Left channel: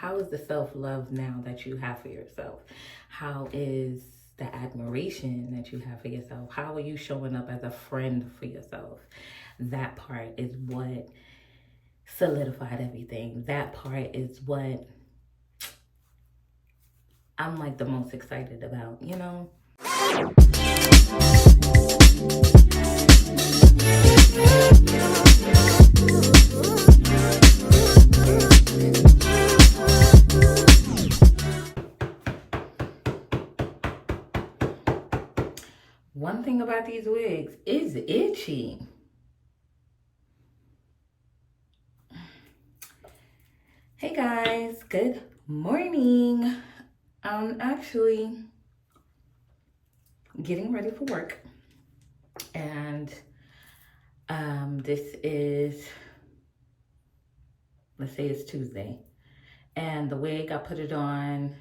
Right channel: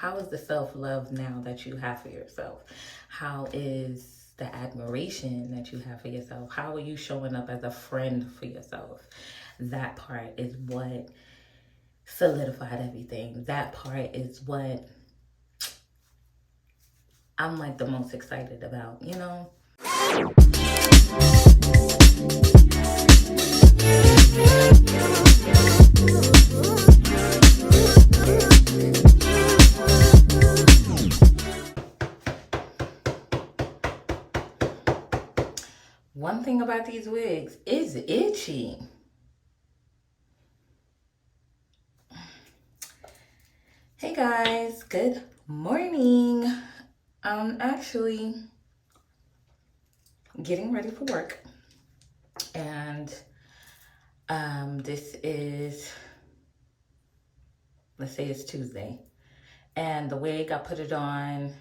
how is the self-love now that you have for yourself? How is the admiration that you have for yourself? How are you showing up as a friend for yourself? That part is what solidified everything. That part is what I'm like the most excited about, you know? One thing about these wigs is itchy. Hey guys, good morning. I'm actually getting ready for work, and this is, let's say it's Tuesday, and the wig I put it on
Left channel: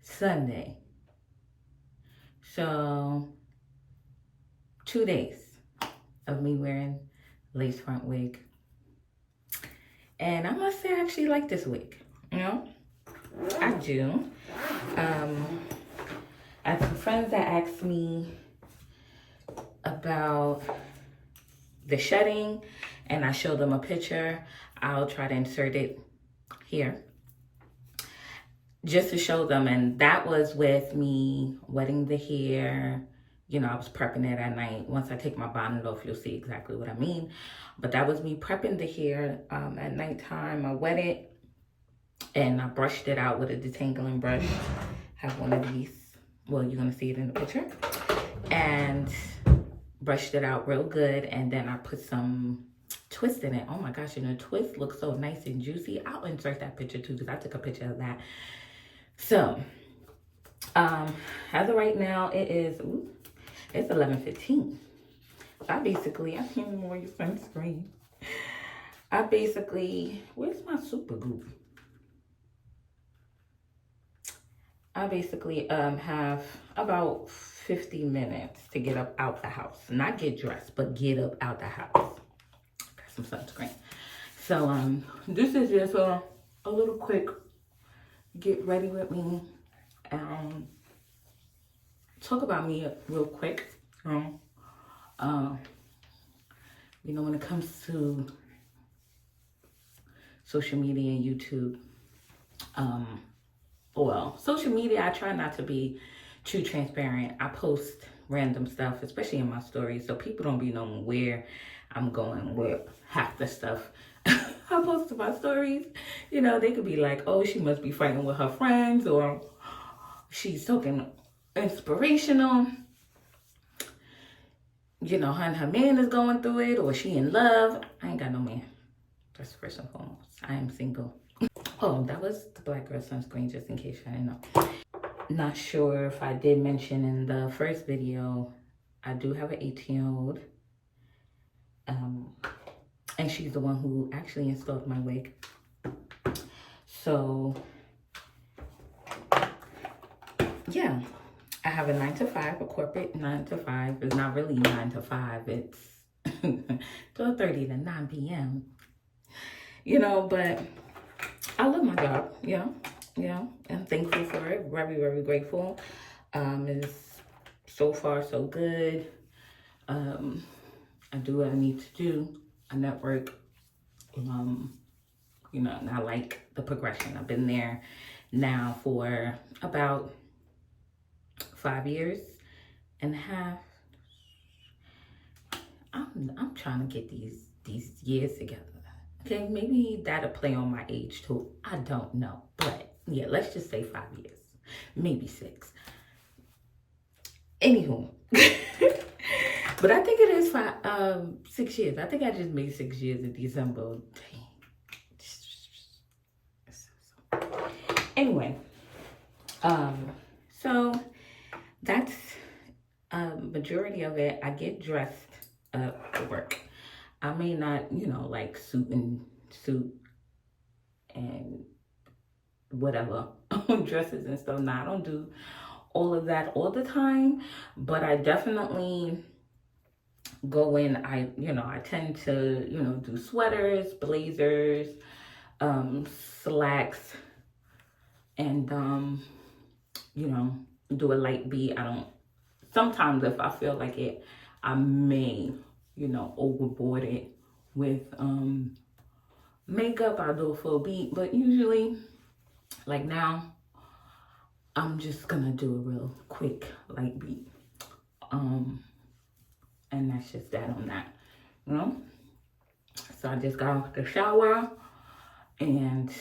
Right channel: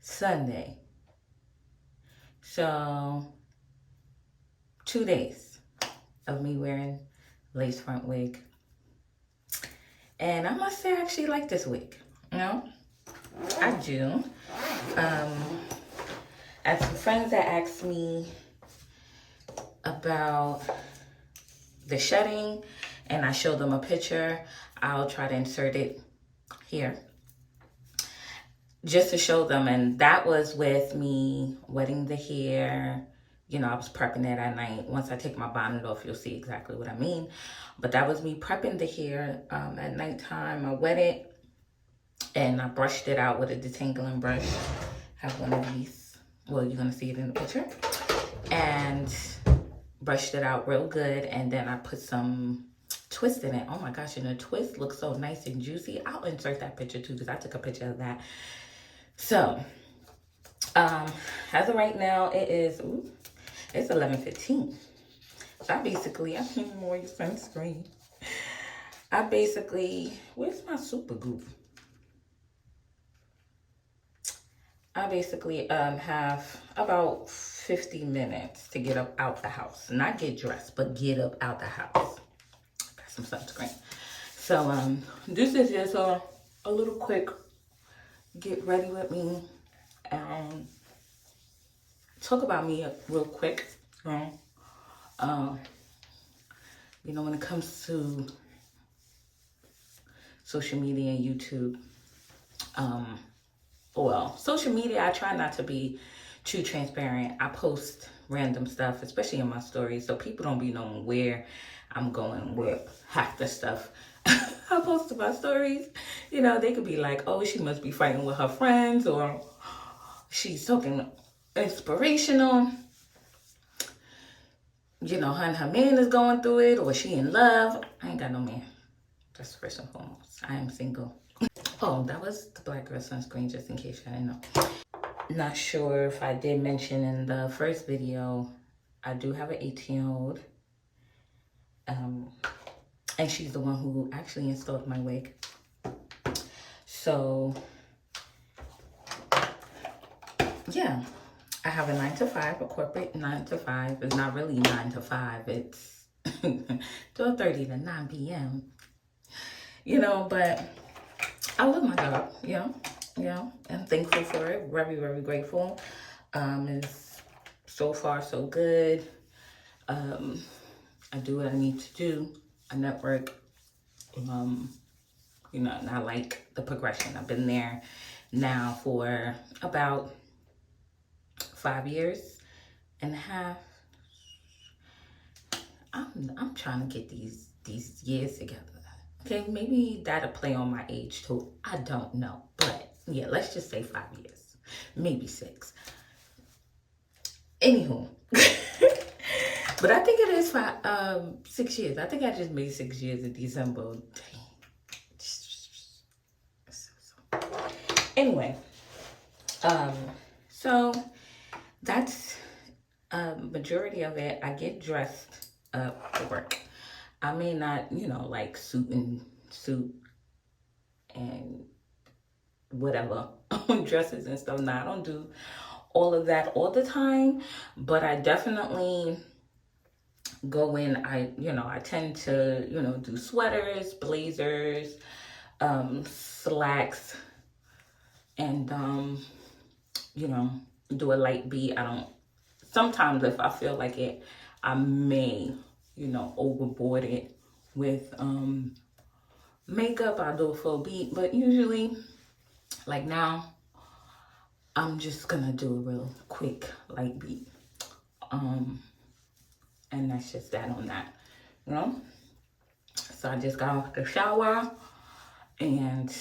Sunday. So 2 days of me wearing lace front wig. And I must say I actually like this wig, you know? I do. I had some friends that asked me about the shedding, and I showed them a picture. I'll try to insert it here just to show them. And that was with me wetting the hair. You know, I was prepping it at night. Once I take my bonnet off, you'll see exactly what I mean. But that was me prepping the hair at nighttime. I wet it and I brushed it out with a detangling brush. I have one of these. Well, you're gonna see it in the picture. And brushed it out real good. And then I put some twist in it. Oh my gosh, and the twist looks so nice and juicy. I'll insert that picture too, because I took a picture of that. So, as of right now, it's 11:15. So I don't even wear your sunscreen. Where's my super glue? I basically have about 50 minutes to get up out the house. Not get dressed, but get up out the house. Got some sunscreen. So this is just a little quick get ready with me. Talk about me real quick. You know, when it comes to social media and YouTube, well, social media, I try not to be too transparent. I post random stuff, especially in my stories, so people don't be knowing where I'm going with half the stuff I post in my stories. You know, they could be like, oh, she must be fighting with her friends, or she's talking inspirational. You know, her and her man is going through it, or she in love. I ain't got no man. That's first and foremost. I am single. Oh, that was the Black Girl Sunscreen, just in case you didn't know. Not sure if I did mention in the first video, I do have an 18-year-old. And she's the one who actually installed my wig. So, yeah. I have a 9-to-5, a corporate 9-to-5. It's not really 9 to 5. It's 12:30 to 9 p.m. You know, but I love my job, you know, I'm thankful for it. Very, very grateful. It's so far so good. I do what I need to do. I network, you know, and I like the progression. I've been there now for about 5 years and a half. I'm trying to get these years together. Okay, maybe that'll play on my age too. I don't know. But yeah, let's just say 5 years. Maybe 6. Anywho. But I think it is 6 years. I think I just made 6 years in December. Dang. Anyway. So that's majority of it. I get dressed up for work. I may not, you know, like suit and whatever dresses and stuff. Now, I don't do all of that all the time, but I definitely go in. I tend to, do sweaters, blazers, slacks and, you know, do a light beat. Sometimes if I feel like it, I may, you know, overboard it with makeup. I'll do a full beat, but usually, like now, I'm just gonna do a real quick light beat. And that's just that on that, you know? So I just got off the shower and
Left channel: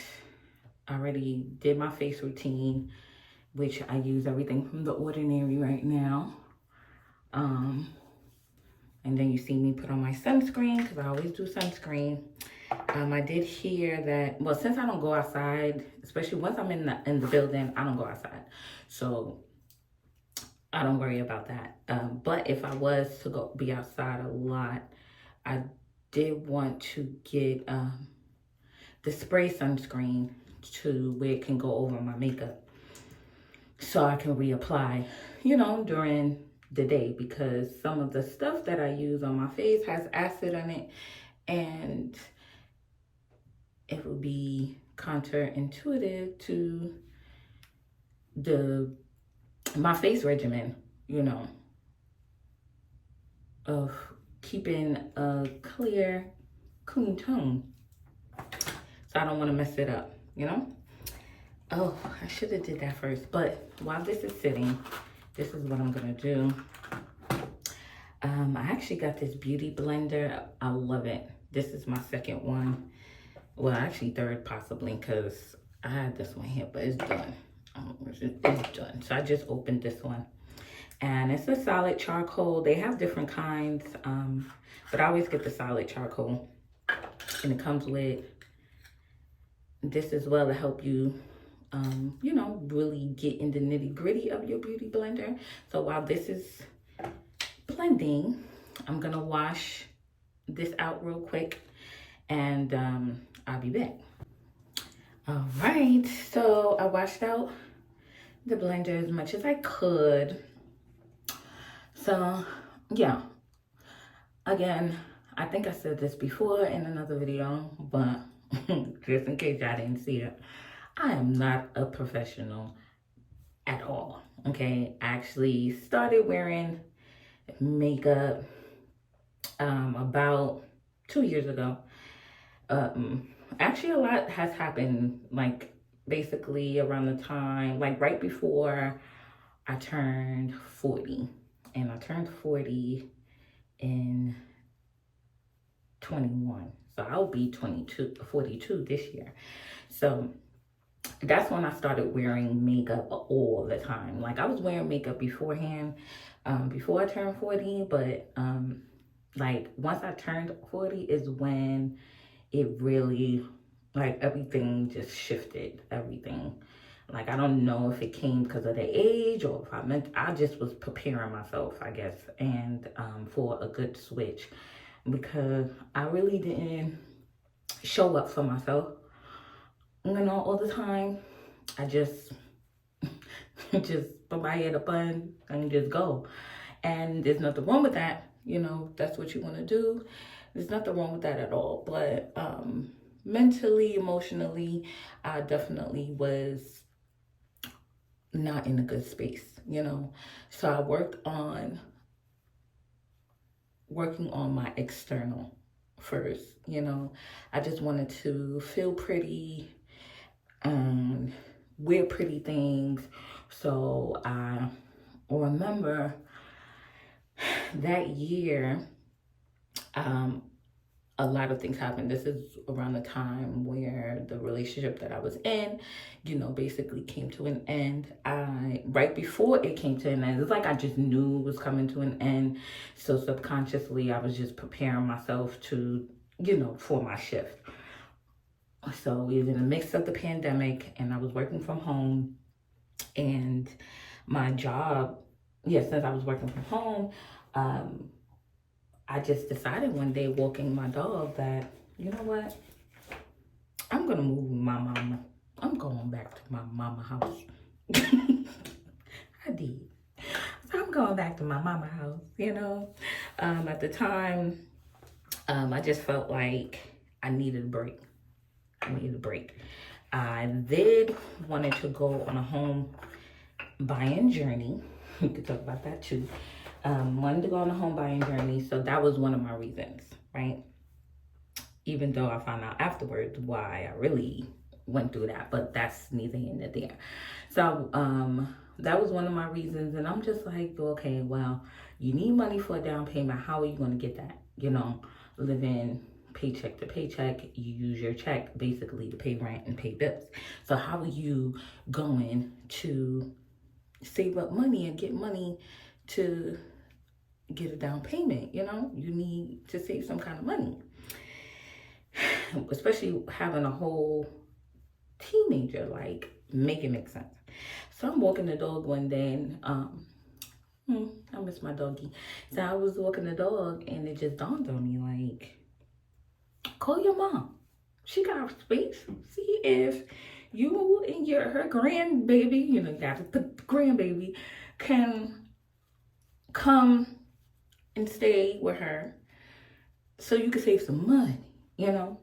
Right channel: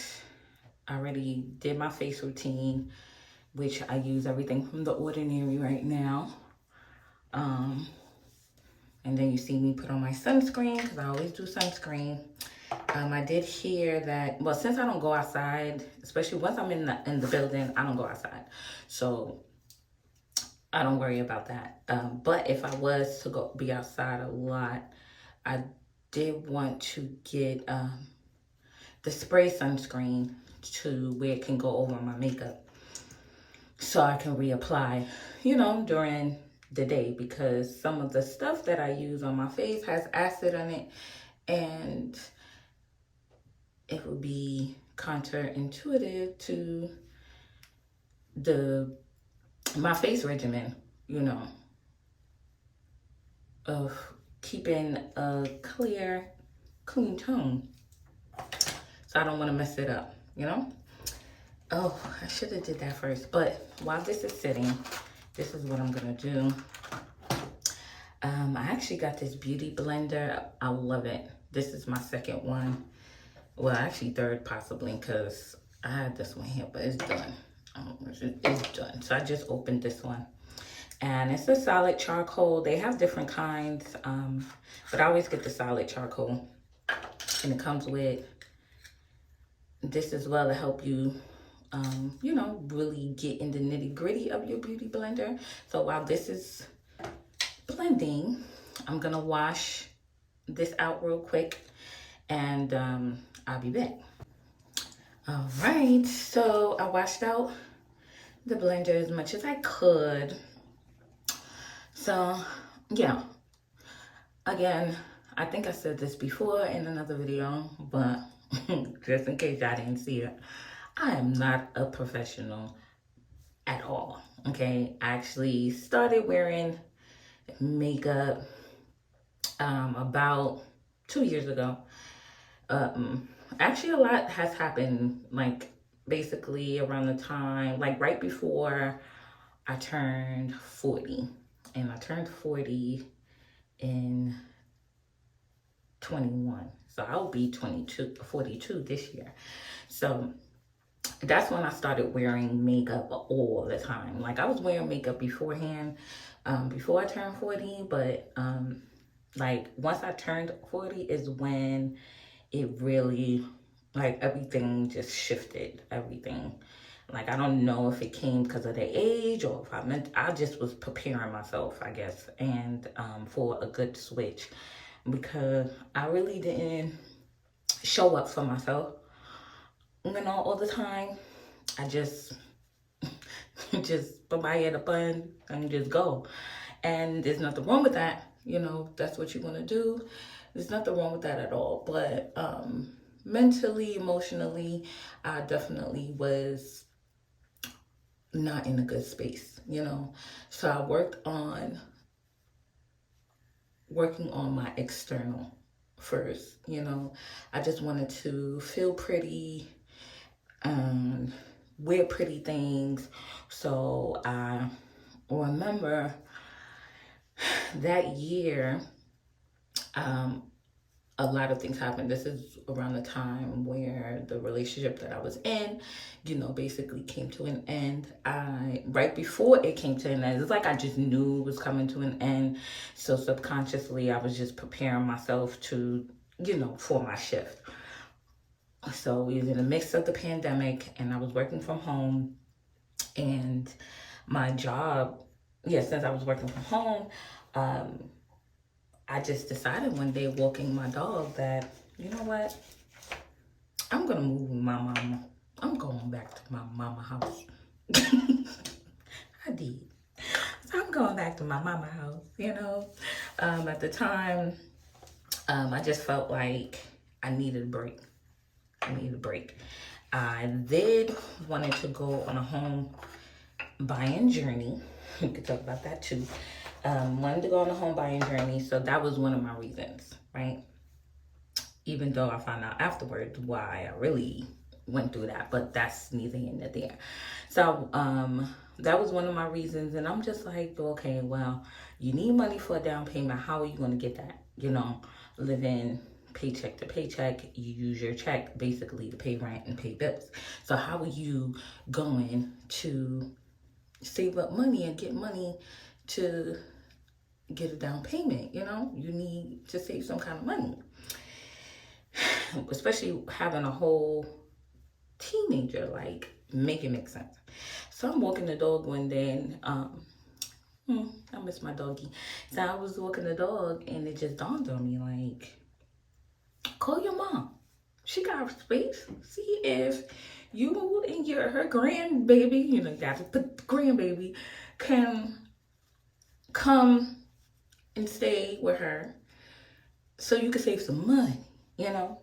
I already did my face routine, which I use everything from The Ordinary right now. And then you see me put on my sunscreen, because I always do sunscreen. I did hear that, well, since I don't go outside, especially once I'm in the building, I don't go outside. So I don't worry about that. But if I was to be outside a lot, I did want to get the spray sunscreen to where it can go over my makeup, so I can reapply, you know, during the day, because some of the stuff that I use on my face has acid on it, and it would be counterintuitive to my face regimen, you know, of keeping a clear, clean tone. So I don't want to mess it up, you know? Oh, I should have did that first. But while this is sitting, this is what I'm going to do. I actually got this beauty blender. I love it. This is my second one. Well, actually third possibly, because I had this one here, but it's done. It's done. So I just opened this one. And it's a solid charcoal. They have different kinds, but I always get the solid charcoal. And it comes with this as well to help you, you know, really get in the nitty gritty of your beauty blender. So while this is blending, I'm gonna wash this out real quick, and I'll be back. All right, so I washed out the blender as much as I could. So yeah, again, I think I said this before in another video, but just in case y'all didn't see it, I am not a professional at all, okay? I actually started wearing makeup about 2 years ago. Actually, a lot has happened, like basically around the time, like right before I turned 40. And I turned 40 in 21. So I'll be 42 this year. So that's when I started wearing makeup all the time. Like I was wearing makeup beforehand, before I turned 40, but like once I turned 40 is when it really, like everything just shifted, everything. Like, I don't know if it came because of the age or if I just was preparing myself, I guess, and for a good switch, because I really didn't show up for myself, you know, all the time. I just put my head up on and just go. And there's nothing wrong with that. You know, that's what you want to do. There's nothing wrong with that at all. But mentally, emotionally, I definitely was not in a good space, you know. So I working on my external first, you know. I just wanted to feel pretty, wear pretty things. So I remember that year, a lot of things happened. This is around the time where the relationship that I was in, you know, basically came to an end. Right before it came to an end, it's like I just knew it was coming to an end. So subconsciously, I was just preparing myself to, you know, for my shift. So we was in the midst of the pandemic, and I was working from home, and my job, since I was working from home, I just decided one day walking my dog that, you know what, I'm going to move with my mama. I'm going back to my mama house. I did. So I'm going back to my mama house, you know. At the time, I just felt like I needed a break. I need a break. I did wanted to go on a home buying journey. We could talk about that too. Wanted to go on a home buying journey, so that was one of my reasons, right? Even though I found out afterwards why I really went through that, but that's neither here nor there. So that was one of my reasons, and I'm just like, okay, well, you need money for a down payment. How are you going to get that? You know, living paycheck to paycheck, you use your check basically to pay rent and pay bills. So how are you going to save up money and get money to get a down payment? You know, you need to save some kind of money, especially having a whole teenager. Like, make it make sense. So I'm walking the dog one day, and I miss my doggy. So I was walking the dog, and it just dawned on me, like, call your mom. She got space. See if you and her grandbaby, you know, you got to put grandbaby, can come and stay with her so you can save some money, you know.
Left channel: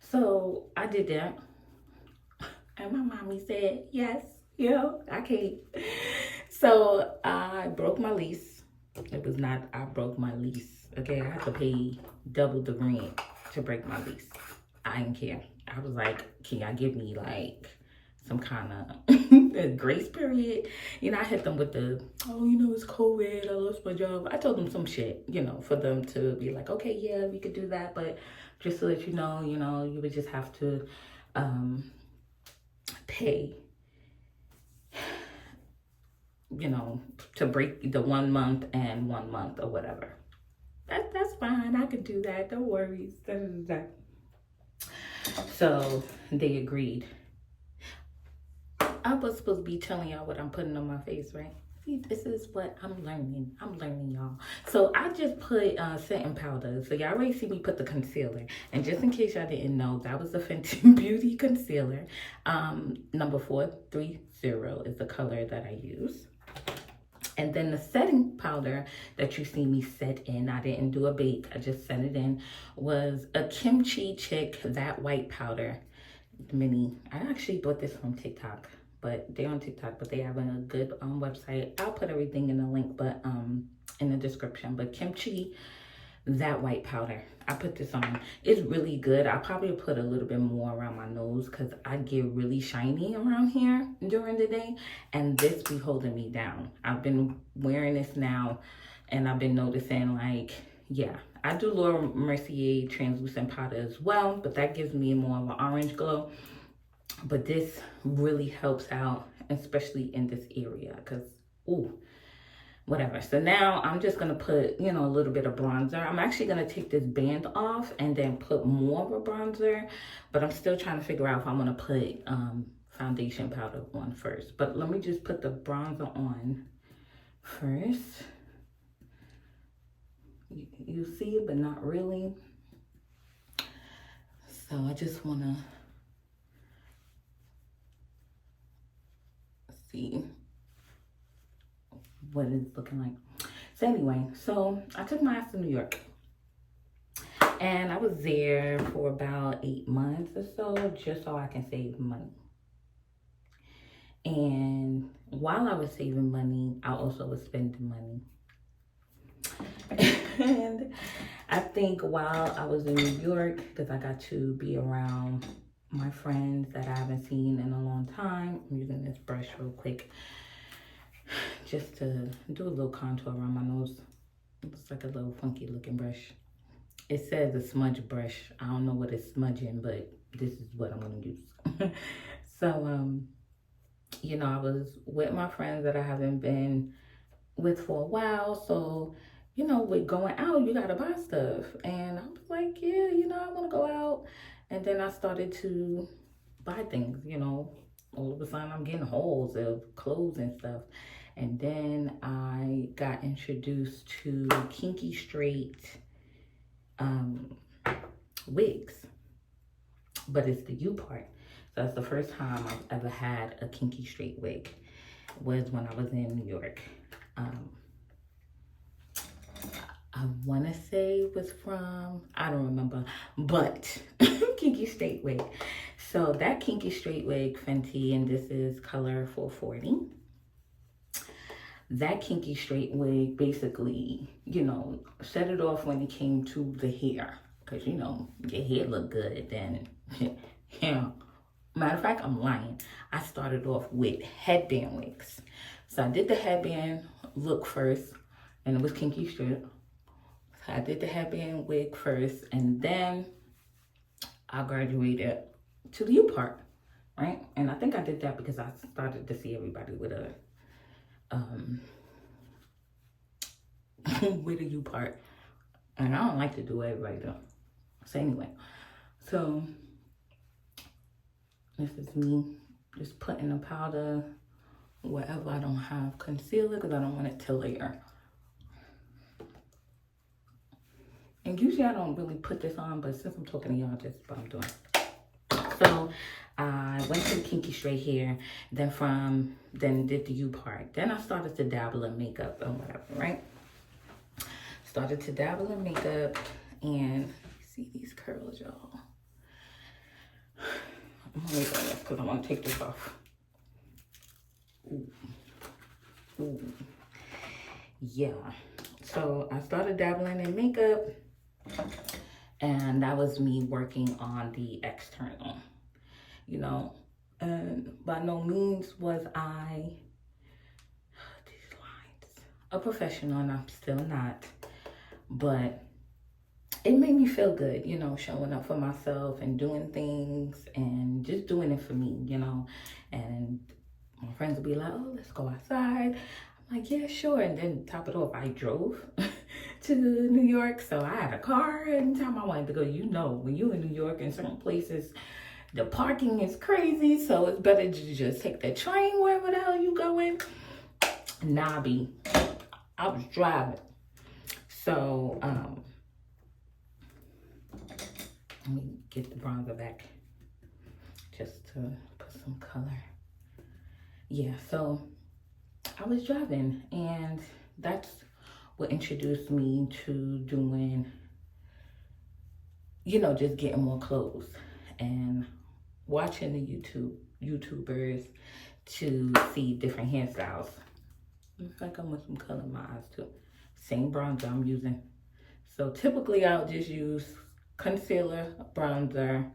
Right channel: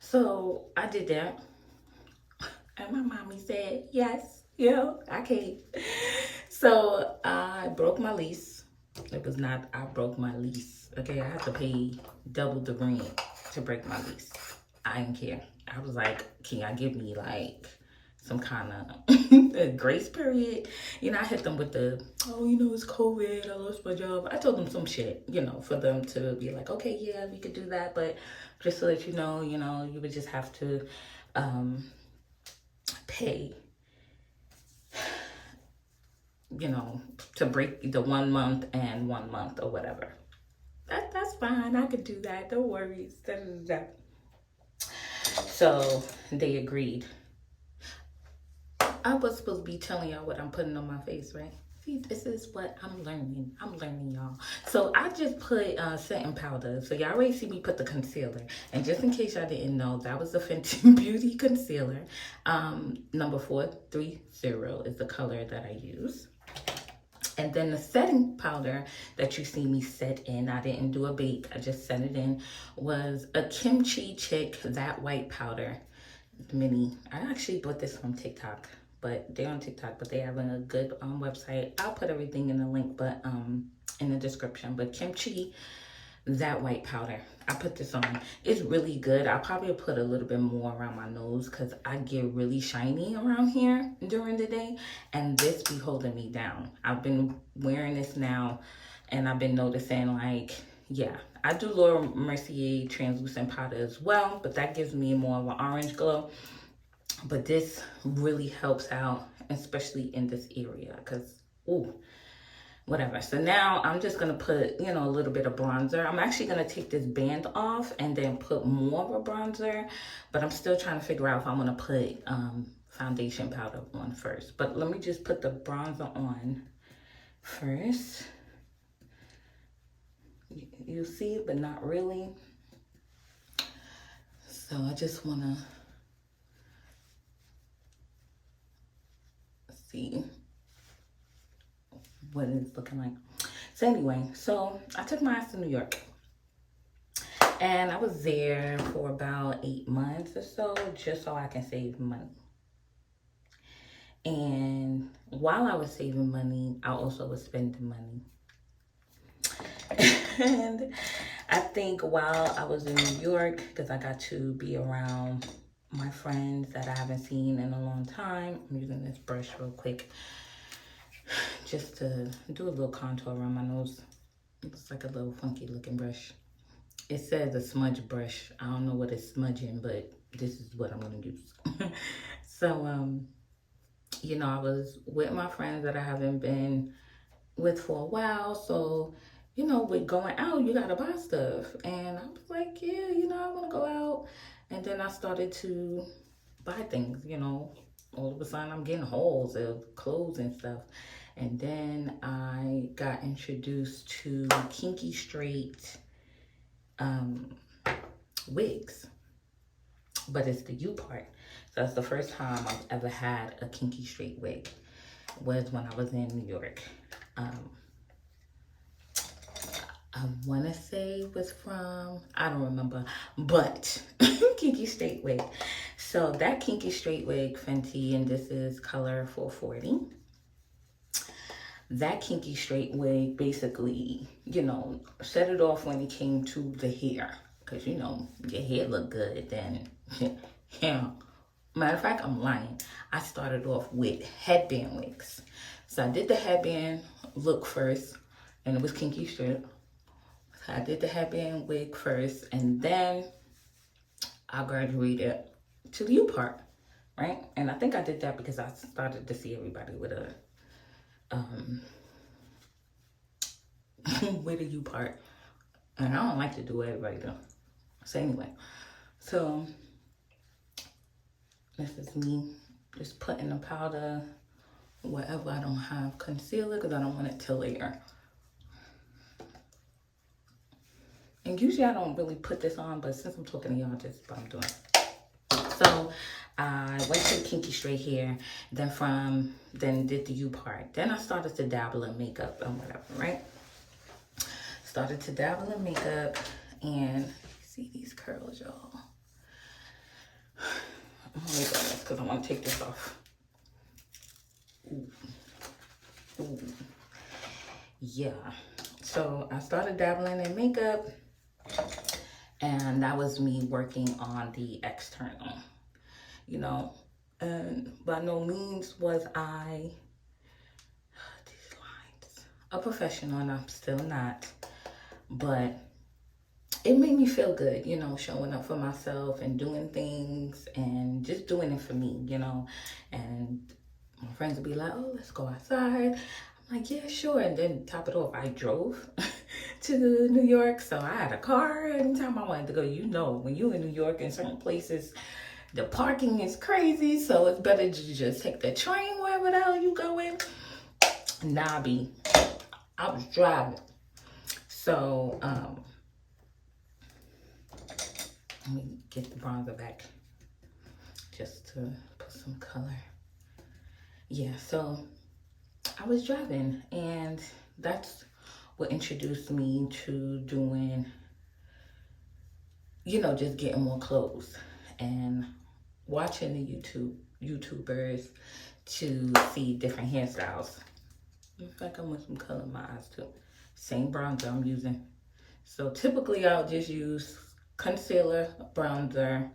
So I did that, and my mommy said yes, you know, I can't. So I broke my lease. It was not I broke my lease, okay? I had to pay double the rent to break my lease. I didn't care. I was like, can y'all give me like some kind of grace period? You know, I hit them with the, oh, you know, it's COVID, I lost my job. I told them some shit, you know, for them to be like, okay, yeah, we could do that, but just so that you know, you would just have to pay, you know, to break the 1 month and 1 month or whatever. That's fine. I could do that. No worries. Da, da, da. So they agreed. I was supposed to be telling y'all what I'm putting on my face, right? See, this is what I'm learning. I'm learning, y'all. So I just put setting powder. So y'all already see me put the concealer. And just in case y'all didn't know, that was the Fenty Beauty Concealer. Number 430 is the color that I use. And then the setting powder that you see me set in, I didn't do a bake, I just set it in, was a Kimchi Chic White powder mini. I actually bought this from TikTok, but they're on TikTok, but they have a good website. I'll put everything in the link, but in the description. But Kimchi White powder, I put this on. It's really good. I'll probably put a little bit more around my nose because I get really shiny around here during the day, and this be holding me down. I've been wearing this now, and I've been noticing, like, yeah, I do Laura Mercier translucent powder as well, but that gives me more of an orange glow. But this really helps out, especially in this area, because, ooh, whatever. So now I'm just gonna put, you know, a little bit of bronzer. I'm actually gonna take this band off and then put more of a bronzer, but I'm still trying to figure out if I want to put foundation powder on first. But let me just put the bronzer on first. You see it, but not really. So I just wanna see what it's looking like. So anyway, so I took my ass to New York, and I was there for about 8 months or so, just so I can save money. And while I was saving money, I also was spending money. And I think while I was in New York, because I got to be around my friends that I haven't seen in a long time, I'm using this brush real quick just to do a little contour around my nose. It looks like a little funky looking brush. It says a smudge brush. I don't know what it's smudging, but this is what I'm gonna use. So, you know, I was with my friends that I haven't been with for a while. So, you know, with going out, you gotta buy stuff. And I was like, yeah, you know, I wanna go out. And then I started to buy things, you know. All of a sudden, I'm getting hauls of clothes and stuff. And then I got introduced to kinky straight wigs, but it's the U part. So that's the first time I've ever had a kinky straight wig, was when I was in New York. I want to say was from, I don't remember, but Kinky Straight Wig. So that Kinky Straight Wig, Fenty, and this is color 440. That Kinky Straight Wig basically, you know, set it off when it came to the hair. Because, you know, your hair look good, then, yeah. Matter of fact, I'm lying. I started off with headband wigs. So I did the headband look first, and it was Kinky Straight. I did the headband wig first, and then I graduated to the U part, right? And I think I did that because I started to see everybody with a with a U part, and I don't like to do everybody though. So anyway, so this is me just putting the powder wherever I don't have concealer because I don't want it to layer. And usually I don't really put this on, but since I'm talking to y'all, just what I'm doing. So I went to Kinky Straight hair, then did the U part. Then I started to dabble in makeup and whatever, right? Started to dabble in makeup, and see these curls, y'all. I'm gonna go this because I want to take this off. Ooh. Ooh. Yeah. So I started dabbling in makeup, and that was me working on the external, you know. And by no means was I, these lines, a professional, and I'm still not. But it made me feel good, you know, showing up for myself and doing things and just doing it for me, you know. And my friends would be like, oh, let's go outside. I'm like, yeah, sure. And then top it off, I drove to New York. So I had a car anytime I wanted to go. You know, when you're in New York in certain places, the parking is crazy. So it's better to just take the train wherever the hell you going. Nah, B, I was driving. So, let me get the bronzer back just to put some color. Yeah, so I was driving, and that's what introduced me to doing, you know, just getting more clothes and watching the YouTubers to see different hairstyles. In fact, I'm with some color in my eyes too. Same bronzer I'm using. So typically I'll just use concealer, bronzer,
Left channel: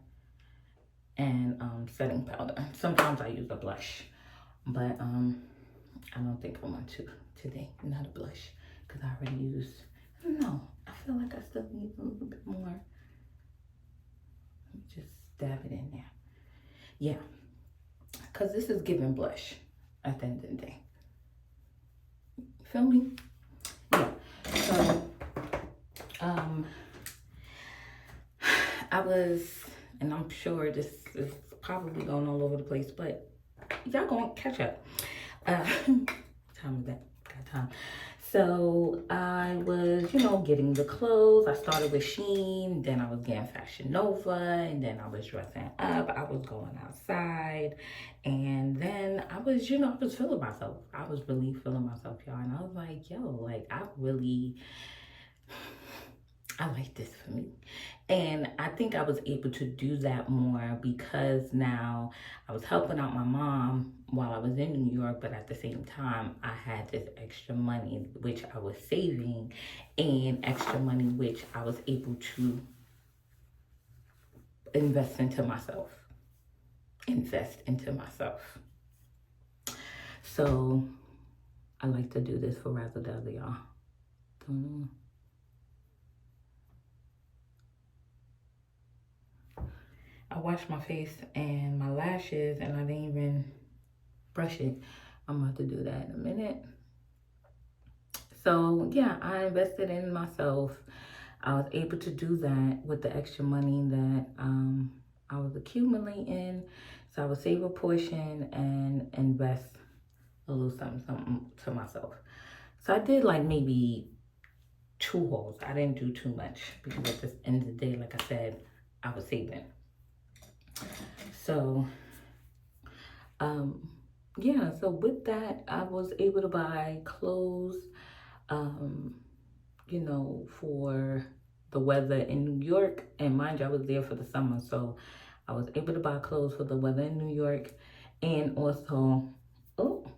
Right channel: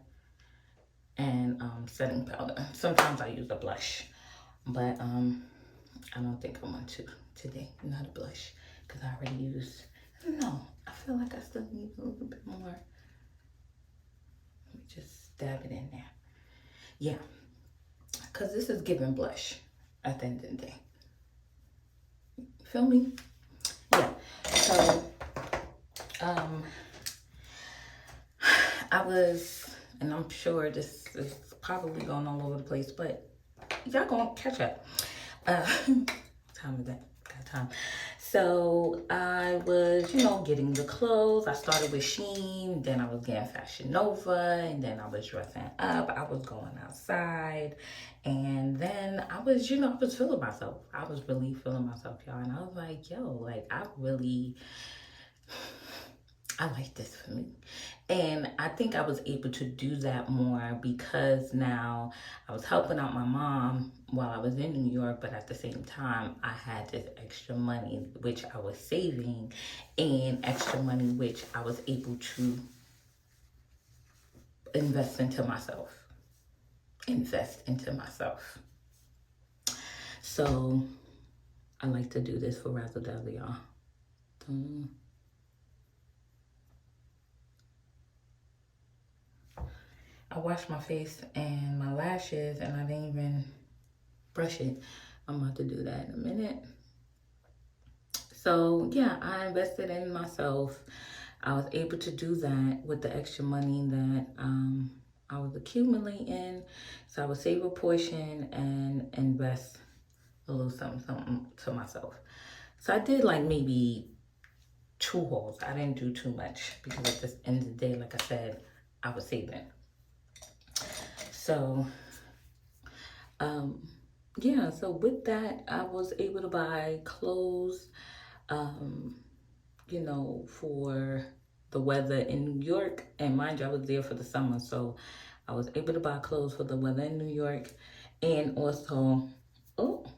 and setting powder. Sometimes I use a blush, but I don't think I want to today. Not a blush, because I already used. I don't know. I feel like I still need a little bit more. Let me just dab it in there. Yeah, because this is giving blush at the end of the day. Feel me? Yeah. So I was, and I'm sure this is probably going all over the place, but y'all gonna catch up. Time is that? Got time. So I was, you know, getting the clothes. I started with Shein, then I was getting Fashion Nova, and then I was dressing up. I was going outside, and then I was, you know, I was feeling myself. I was really feeling myself, y'all. And I was like, yo, like, I like this for me. And I think I was able to do that more because now I was helping out my mom while I was in New York, but at the same time, I had this extra money, which I was saving, and extra money, which I was able to invest into myself. So I like to do this for razzle dazzle, y'all. I washed my face and my lashes, and I didn't even brush it. I'm about to do that in a minute. So yeah, I invested in myself. I was able to do that with the extra money that I was accumulating. So I would save a portion and invest a little something to myself. So I did like maybe 2 hauls. I didn't do too much because at the end of the day, like I said, I was saving. So, yeah, so with that, I was able to buy clothes, you know, for the weather in New York. And mind you, I was there for the summer, so I was able to buy clothes for the weather in New York. And also, oh,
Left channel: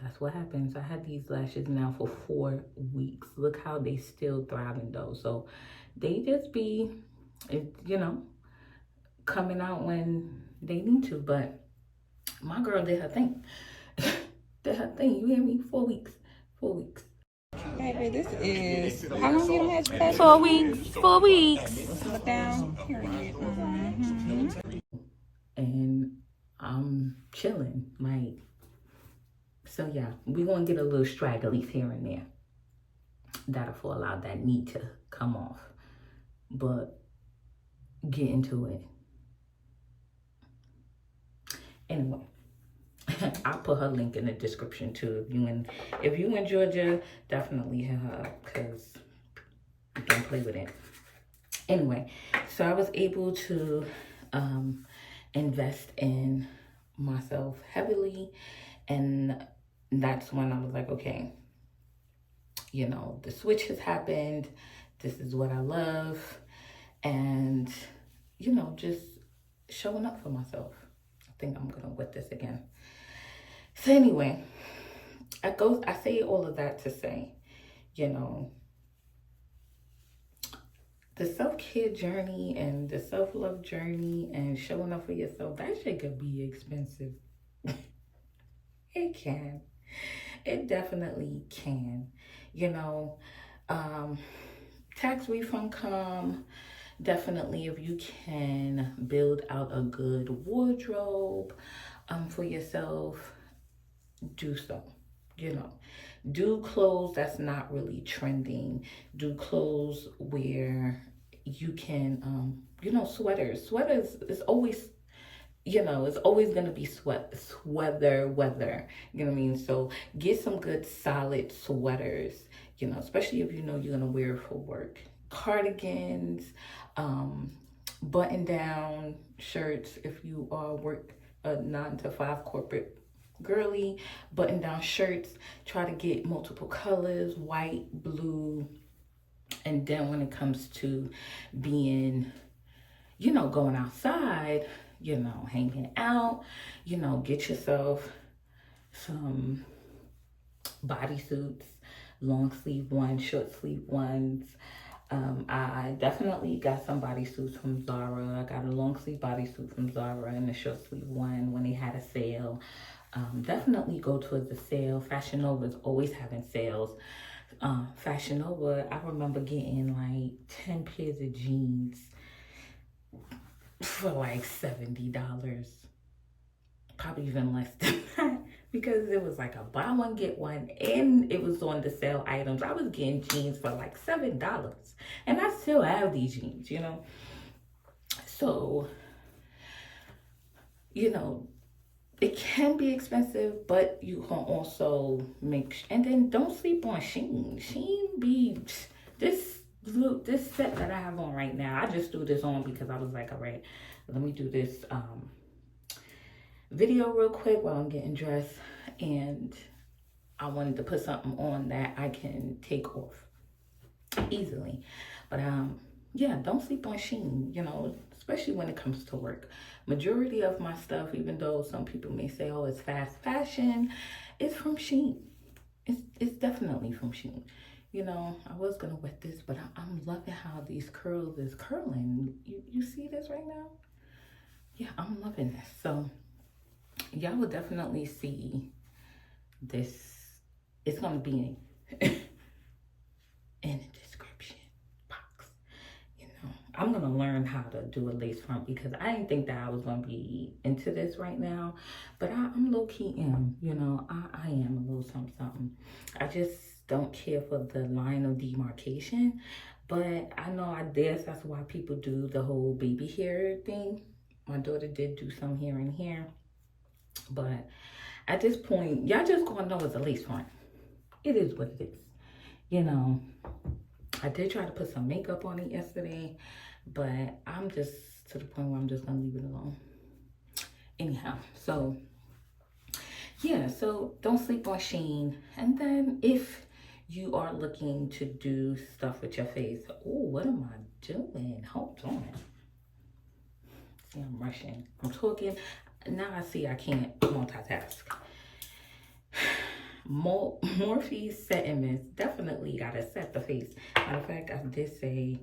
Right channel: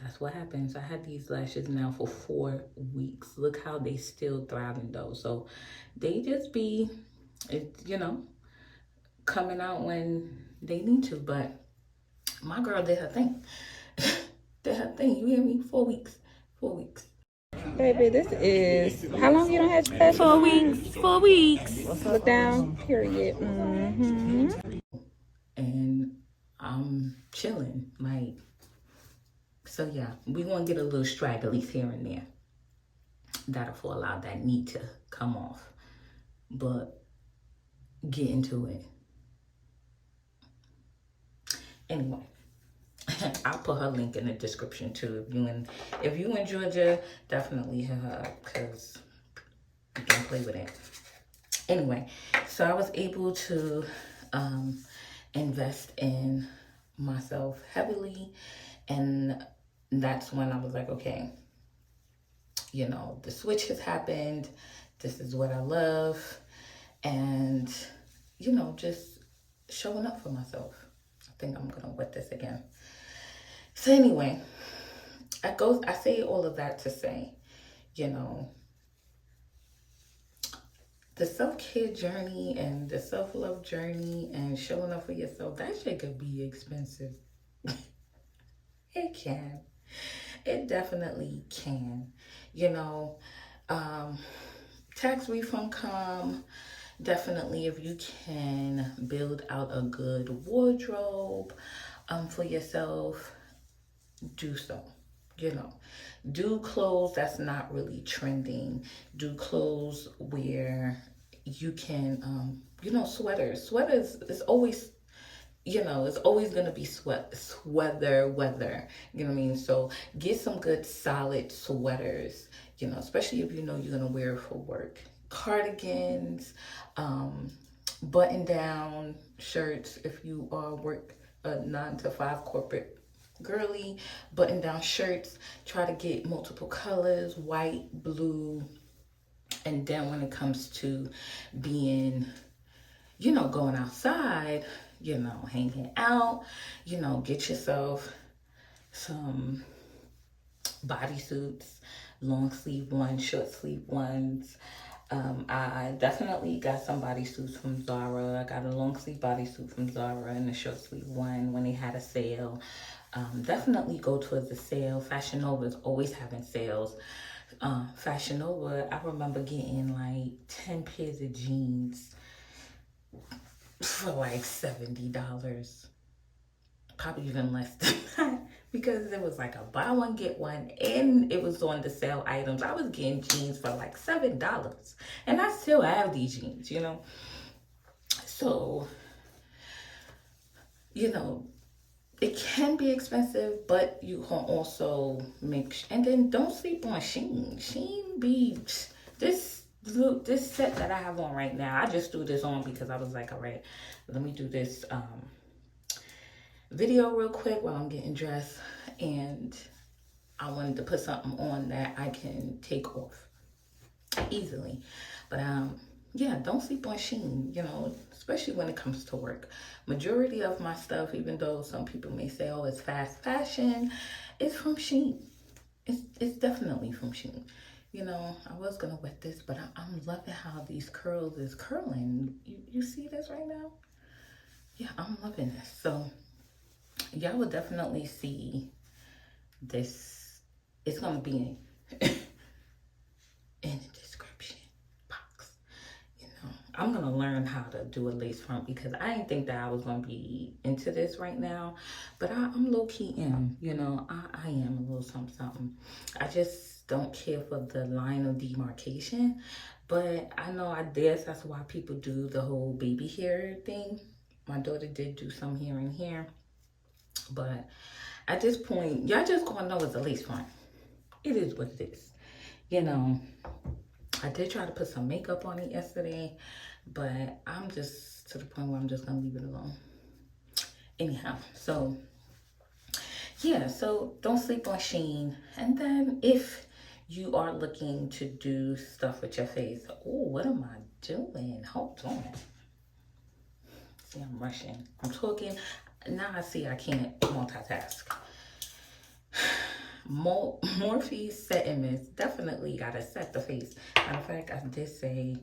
that's what happens. I had these lashes now for 4 weeks. Look how they still thriving though. So they just be, you know, coming out when they need to. But my girl did her thing. Did her thing. You hear me? 4 weeks. 4 weeks. Baby, this is how long you don't have to cut? 4 weeks. 4 weeks. Look down. Period. And I'm chilling. Like, so yeah, we're gonna get a little stragglies here and there that'll fall out that need to come off. But get into it. Anyway, I'll put her link in the description too. If you in Georgia, definitely hit her up, because don't play with it. Anyway, so I was able to invest in myself heavily, and that's when I was like, okay, you know, the switch has happened. This is what I love. And, you know, just showing up for myself. I think I'm gonna wet this again. So anyway, I say all of that to say, you know, the self-care journey and the self-love journey and showing up for yourself, that shit could be expensive. It can. It definitely can. You know, tax refund come. Definitely, if you can build out a good wardrobe for yourself, do so. You know, do clothes that's not really trending. Do clothes where you can, you know, sweaters. Sweaters is always, you know, it's always gonna be weather. You know what I mean? So get some good solid sweaters, you know, especially if you know you're gonna wear it for work. Cardigans, button down shirts if you work a 9 to 5 corporate girly. Button down shirts, try to get multiple colors, white, blue. And then when it comes to being, you know, going outside, you know, hanging out, you know, get yourself some bodysuits, long sleeve ones, short sleeve ones. I definitely got some bodysuits from Zara. I got a long sleeve bodysuit from Zara and a short sleeve one when they had a sale. Definitely go towards the sale. Fashion Nova is always having sales. Fashion Nova, I remember getting like 10 pairs of jeans for like $70. Probably even less than that, because it was like a buy one get one, and it was on the sale items. I was getting jeans for like $7, and I still have these jeans, you know. So, you know, it can be expensive, but you can also and then don't sleep on Shein. Shein be this set that I have on right now. I just threw this on because I was like, all right, let me do this video real quick while I'm getting dressed, and I wanted to put something on that I can take off easily. But yeah, don't sleep on Shein, you know, especially when it comes to work. Majority of my stuff, even though some people may say, oh, it's fast fashion, it's from Shein. It's definitely from Shein. You know, I was gonna wet this, but I'm loving how these curls is curling. You see this right now? Yeah, I'm loving this. So y'all will definitely see this. It's gonna be in the description box. You know, I'm gonna learn how to do a lace front because I didn't think that I was gonna be into this right now, but I'm low-key in. You know, I am a little something. I just don't care for the line of demarcation, but I know that's why people do the whole baby hair thing. My daughter did do some here and here. But at this point, y'all just gonna know it's a lace front. It is what it is. You know, I did try to put some makeup on it yesterday, but I'm just to the point where I'm just gonna leave it alone. Anyhow, so yeah, so don't sleep on Shein. And then if you are looking to do stuff with your face. Oh, what am I doing? Hold on. See, I'm rushing. I'm talking. Now I see I can't multitask. Morphe setting mist. Definitely gotta set the face. Matter of fact, I did say,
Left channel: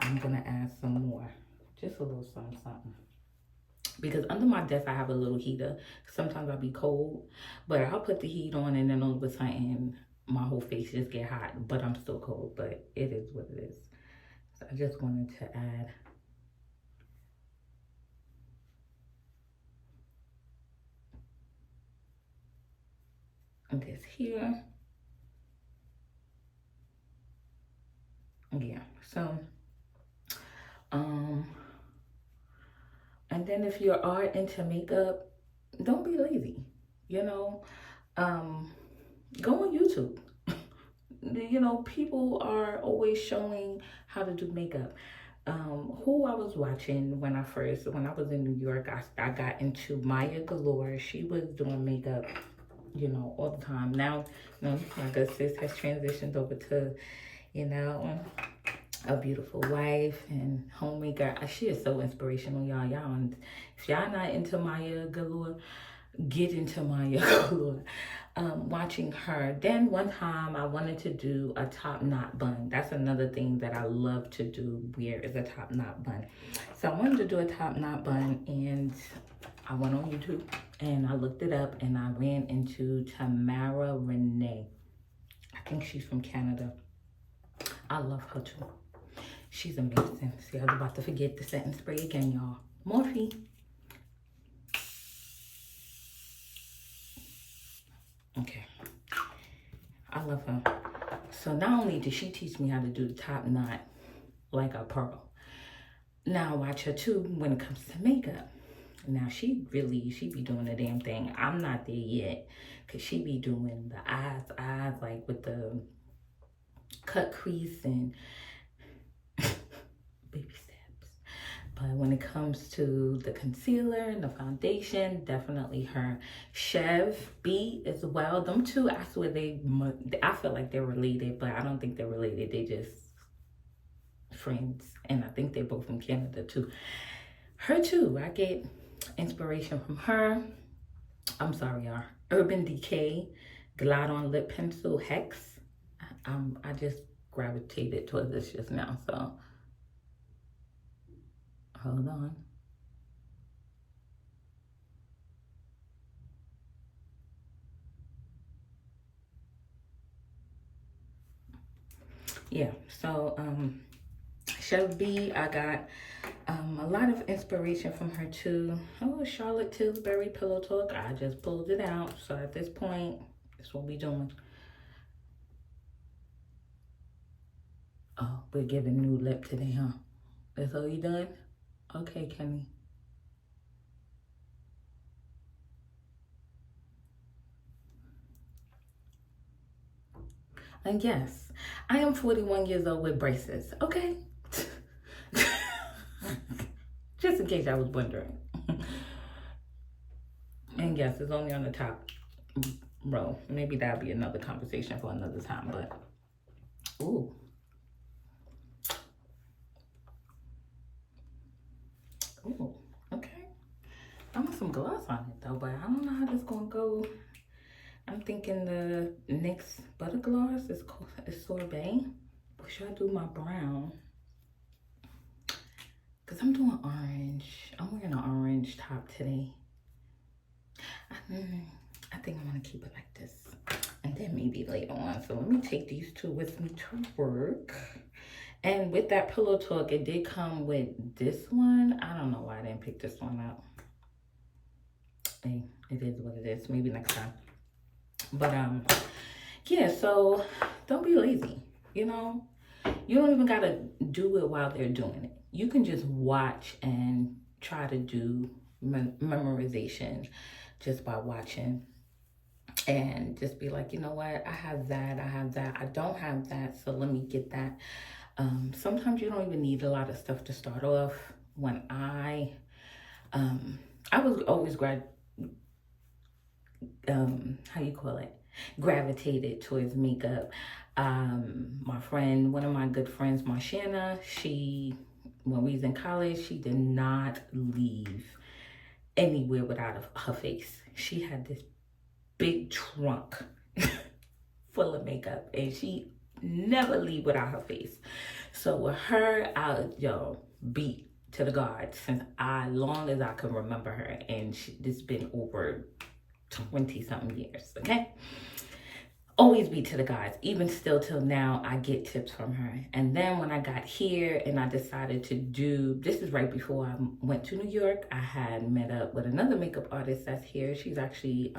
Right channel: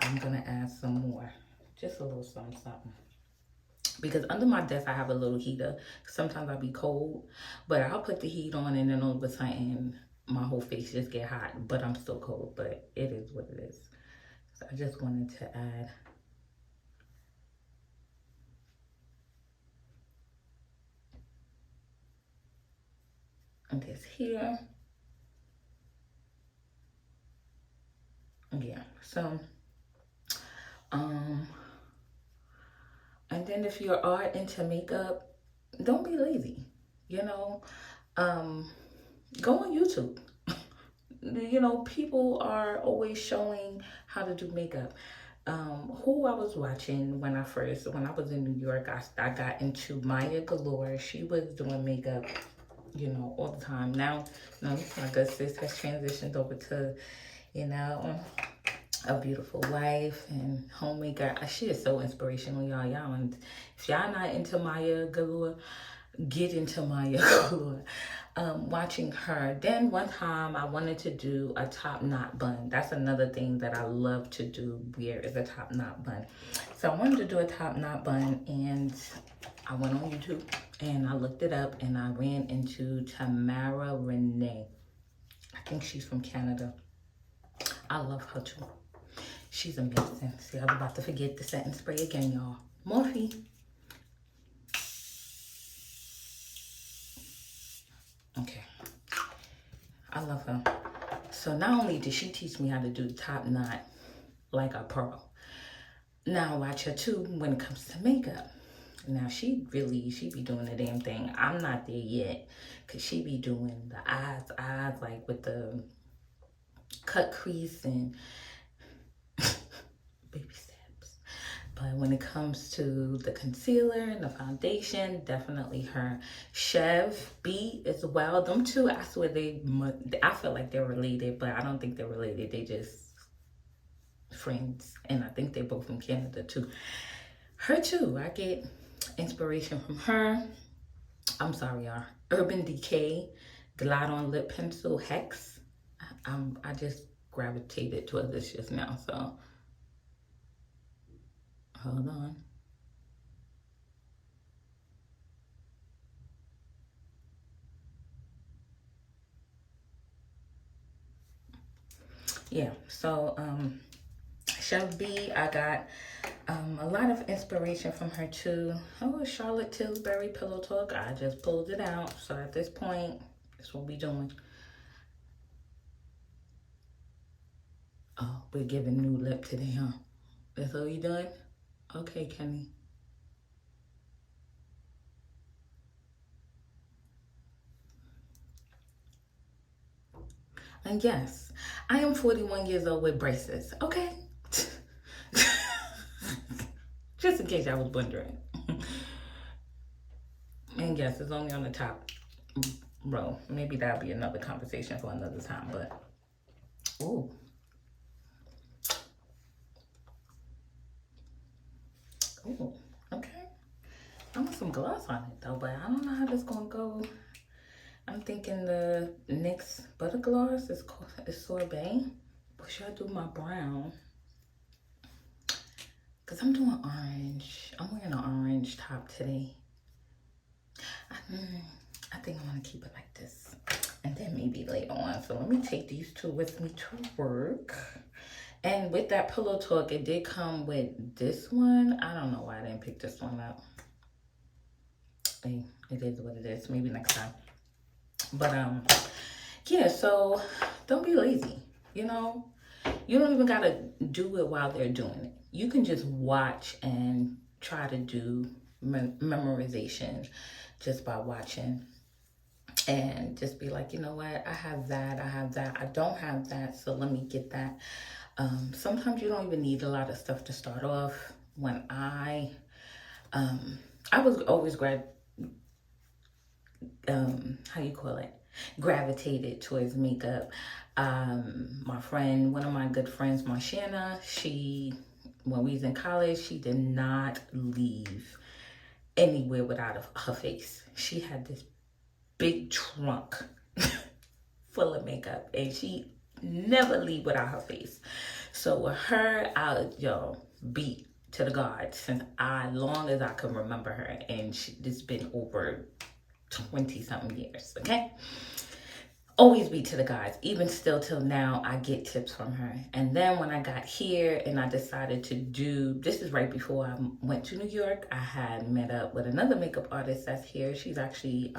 I'm gonna add some more. Just a little something, something. Because under my desk, I have a little heater. Sometimes I'll be cold, but I'll put the heat on and then all of a sudden, my whole face just get hot, but I'm still cold, but it is what it is. So I just wanted to add this here. Yeah, so, and then if you are into makeup, don't be lazy, you know, go on YouTube. You know, people are always showing how to do makeup. Who I was watching when I was in New York, I got into Maya Galore. She was doing makeup, you know, all the time. Now, you know, my good sis has transitioned over to, you know, a beautiful wife and homemaker. She is so inspirational, y'all. And if y'all not into Maya Galore, get into Maya Galore. Watching her. Then one time I wanted to do a top knot bun. That's another thing that I love to do, wear, is a top knot bun. So I wanted to do a top knot bun, and I went on YouTube and I looked it up, and I ran into Tamara Renee. I think she's from Canada. I love her too. She's amazing. See, I was about to forget the setting spray again, y'all. Morphe. Okay. I love her. So not only did she teach me how to do the top knot like a pro, now I watch her too when it comes to makeup. Now she be doing the damn thing. I'm not there yet, because she be doing the eyes like with the cut crease and baby steps. But when it comes to the concealer and the foundation, definitely her. Chev B as well. Them two, I swear I feel like they're related, but I don't think they're related. They just friends. And I think they're both from Canada too. Her too, I get inspiration from her. I'm sorry, y'all. Urban Decay Glide on Lip Pencil Hex. I just gravitated towards this just now, so hold on. Yeah, so Chef B, I got a lot of inspiration from her too. Oh, Charlotte Tilbury Pillow Talk. I just pulled it out. So at this point, that's what we're doing. Oh, we're giving new lip today, huh? That's all you done? Okay, Kenny. And yes, I am 41 years old with braces, okay? Just in case I was wondering. And yes, it's only on the top row. Maybe that'll be another conversation for another time, but ooh. Ooh, okay. I want some gloss on it though, but I don't know how this gonna go. I'm thinking the NYX Butter Gloss is Sorbet. But should I do my brown? Because I'm doing orange. I'm wearing an orange top today. I think I want to keep it like this. And then maybe later on. So let me take these two with me to work. And with that Pillow Talk, it did come with this one. I don't know why I didn't pick this one up. Hey, it is what it is. Maybe next time. But yeah, so don't be lazy, you know. You don't even gotta do it while they're doing it. You can just watch and try to do memorization just by watching, and just be like, you know what, I have that, I don't have that, so let me get that. Sometimes you don't even need a lot of stuff to start off. When I was always how you call it, gravitated towards makeup. My friend, one of my good friends, Marshana, when we was in college, she did not leave anywhere without her face. She had this big trunk full of makeup, and she never leave without her face. So with her, I'll beat to the gods since long as I can remember her, and it's been over 20 something years. Okay, always beat to the gods. Even still till now, I get tips from her. And then when I got here and I decided to this is right before I went to New York, I had met up with another makeup artist that's here. She's actually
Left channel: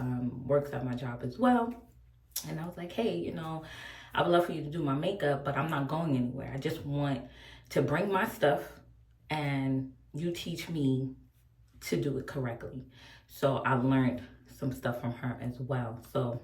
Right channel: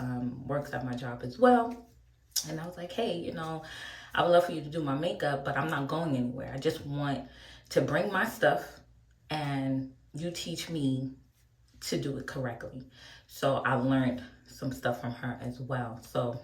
works at my job as well. And I was like, hey, I would love for you to do my makeup, but I'm not going anywhere. I just want to bring my stuff and you teach me to do it correctly. So I learned some stuff from her as well. So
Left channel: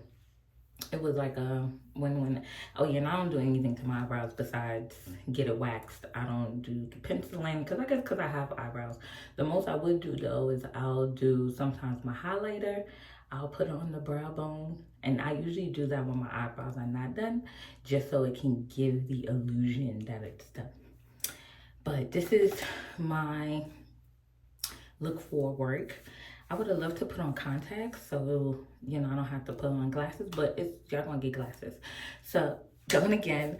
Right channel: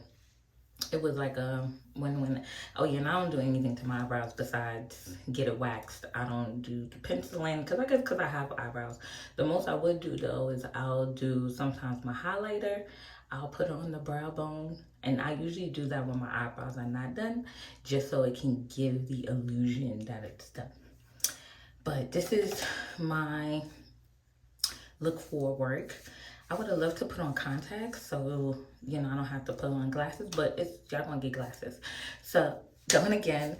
it was like a win-win. Oh yeah, and I don't do anything to my eyebrows besides get it waxed. I don't do the penciling because I have eyebrows. The most I would do though is I'll do sometimes my highlighter. I'll put on the brow bone, and I usually do that when my eyebrows are not done, just so it can give the illusion that it's done. But this is my look for work. I would have loved to put on contacts, so I don't have to put on glasses, but y'all gonna get glasses. So going again,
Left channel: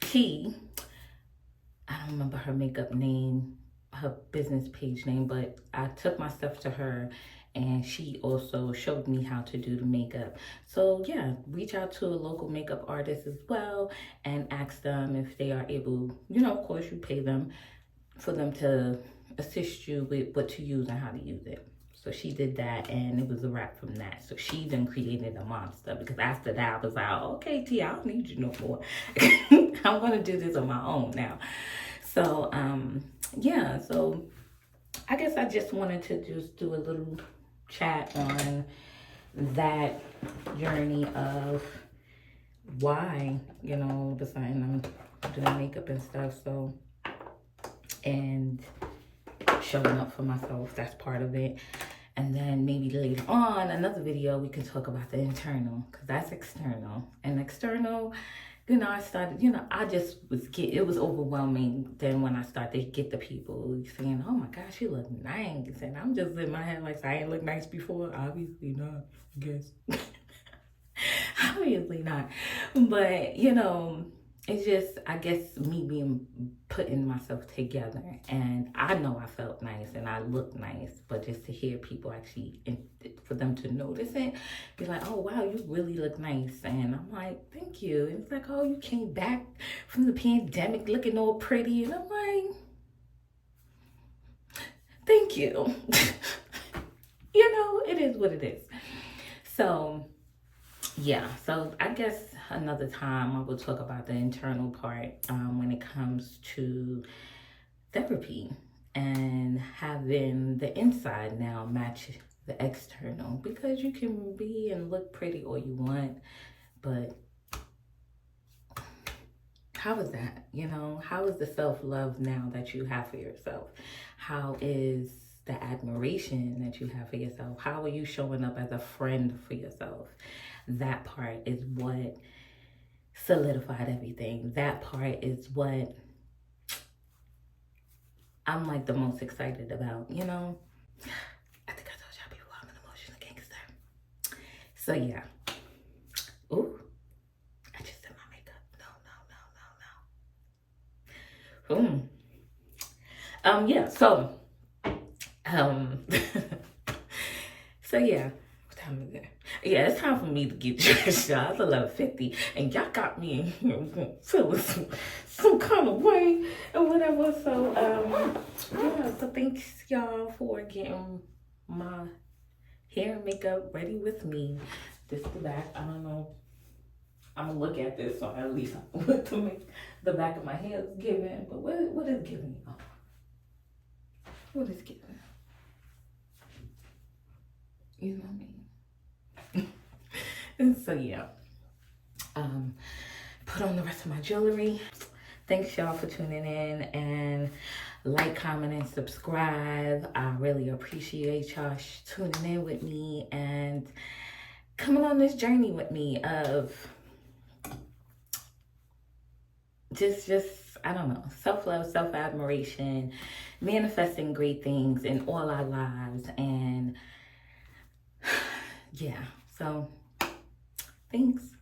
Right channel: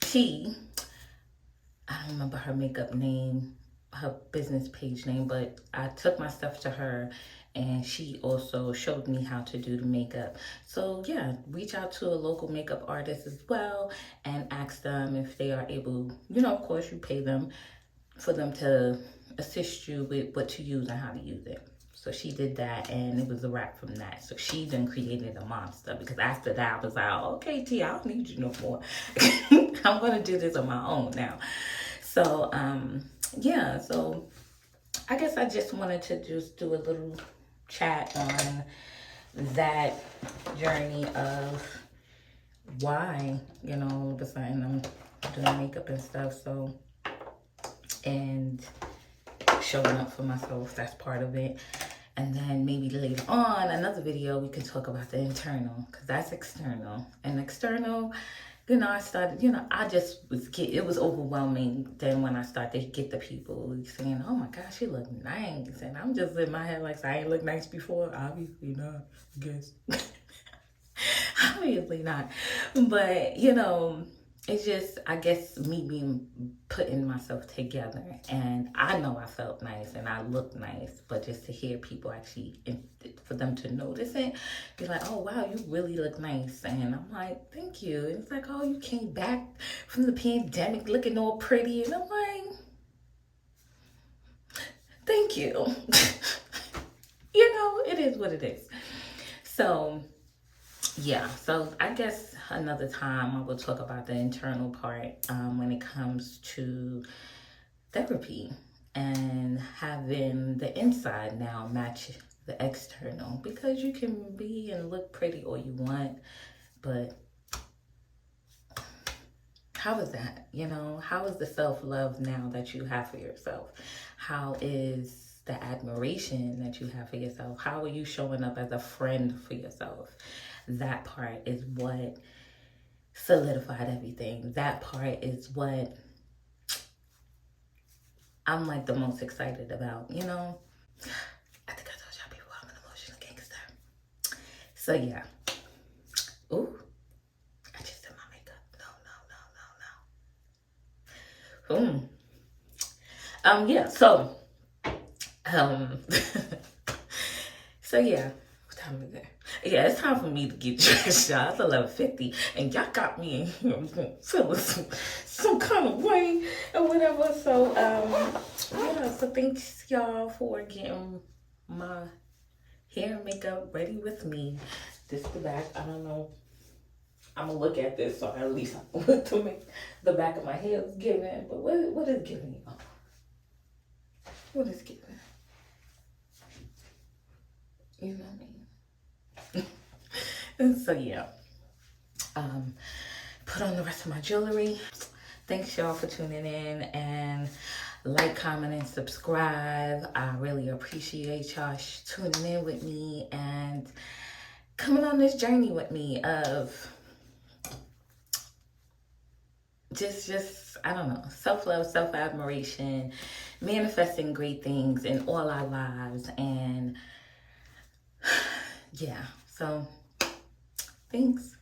T, I don't remember her makeup name, her business page name, but I took my stuff to her, and she also showed me how to do the makeup. So yeah, reach out to a local makeup artist as well and ask them if they are able, of course you pay them for them to assist you with what to use and how to use it. So she did that, and it was a wrap from that. So she then created a monster, because after that I was like, okay, T, I don't need you no more. I'm gonna do this on my own now. So yeah, so I guess I just wanted to just do a little chat on that journey of why, deciding I'm doing makeup and stuff. So, and showing up for myself, that's part of it. And then maybe later on, another video, we can talk about the internal, because that's external. And external, I started, it was overwhelming then when I started to get the people saying, oh my gosh, you look nice. And I'm just in my head like, I ain't look nice before. Obviously not, I guess. Obviously not. But, it's just, I guess, me being putting myself together. And I know I felt nice and I looked nice, but just to hear people actually, for them to notice it, be like, oh wow, you really look nice. And I'm like, thank you. And it's like, oh, you came back from the pandemic looking all pretty. And I'm like, thank you. It is what it is. So yeah, so I guess another time I will talk about the internal part when it comes to therapy and having the inside now match the external, because you can be and look pretty all you want, but how is that? How is the self-love now that you have for yourself? How is the admiration that you have for yourself? How are you showing up as a friend for yourself? That part is what solidified everything. That part is what I'm like the most excited about, I think I told y'all before, I'm an emotional gangster. So yeah. Ooh, I just did my makeup. No. Yeah, so so yeah, what time is it? Yeah, it's time for me to get dressed, y'all. It's 11:50, and y'all got me in here feeling some kind of way or whatever. So, yeah, so thanks y'all for getting my hair and makeup ready with me. This is the back. I don't know. I'm gonna look at this, so at least I look to make the back of my hair is giving. But what is giving? What is giving? You know what I mean? And so yeah, put on the rest of my jewelry. Thanks y'all for tuning in, and like, comment, and subscribe. I really appreciate y'all tuning in with me, and coming on this journey with me of just I don't know, self-love, self-admiration, manifesting great things in all our lives. And yeah, so thanks.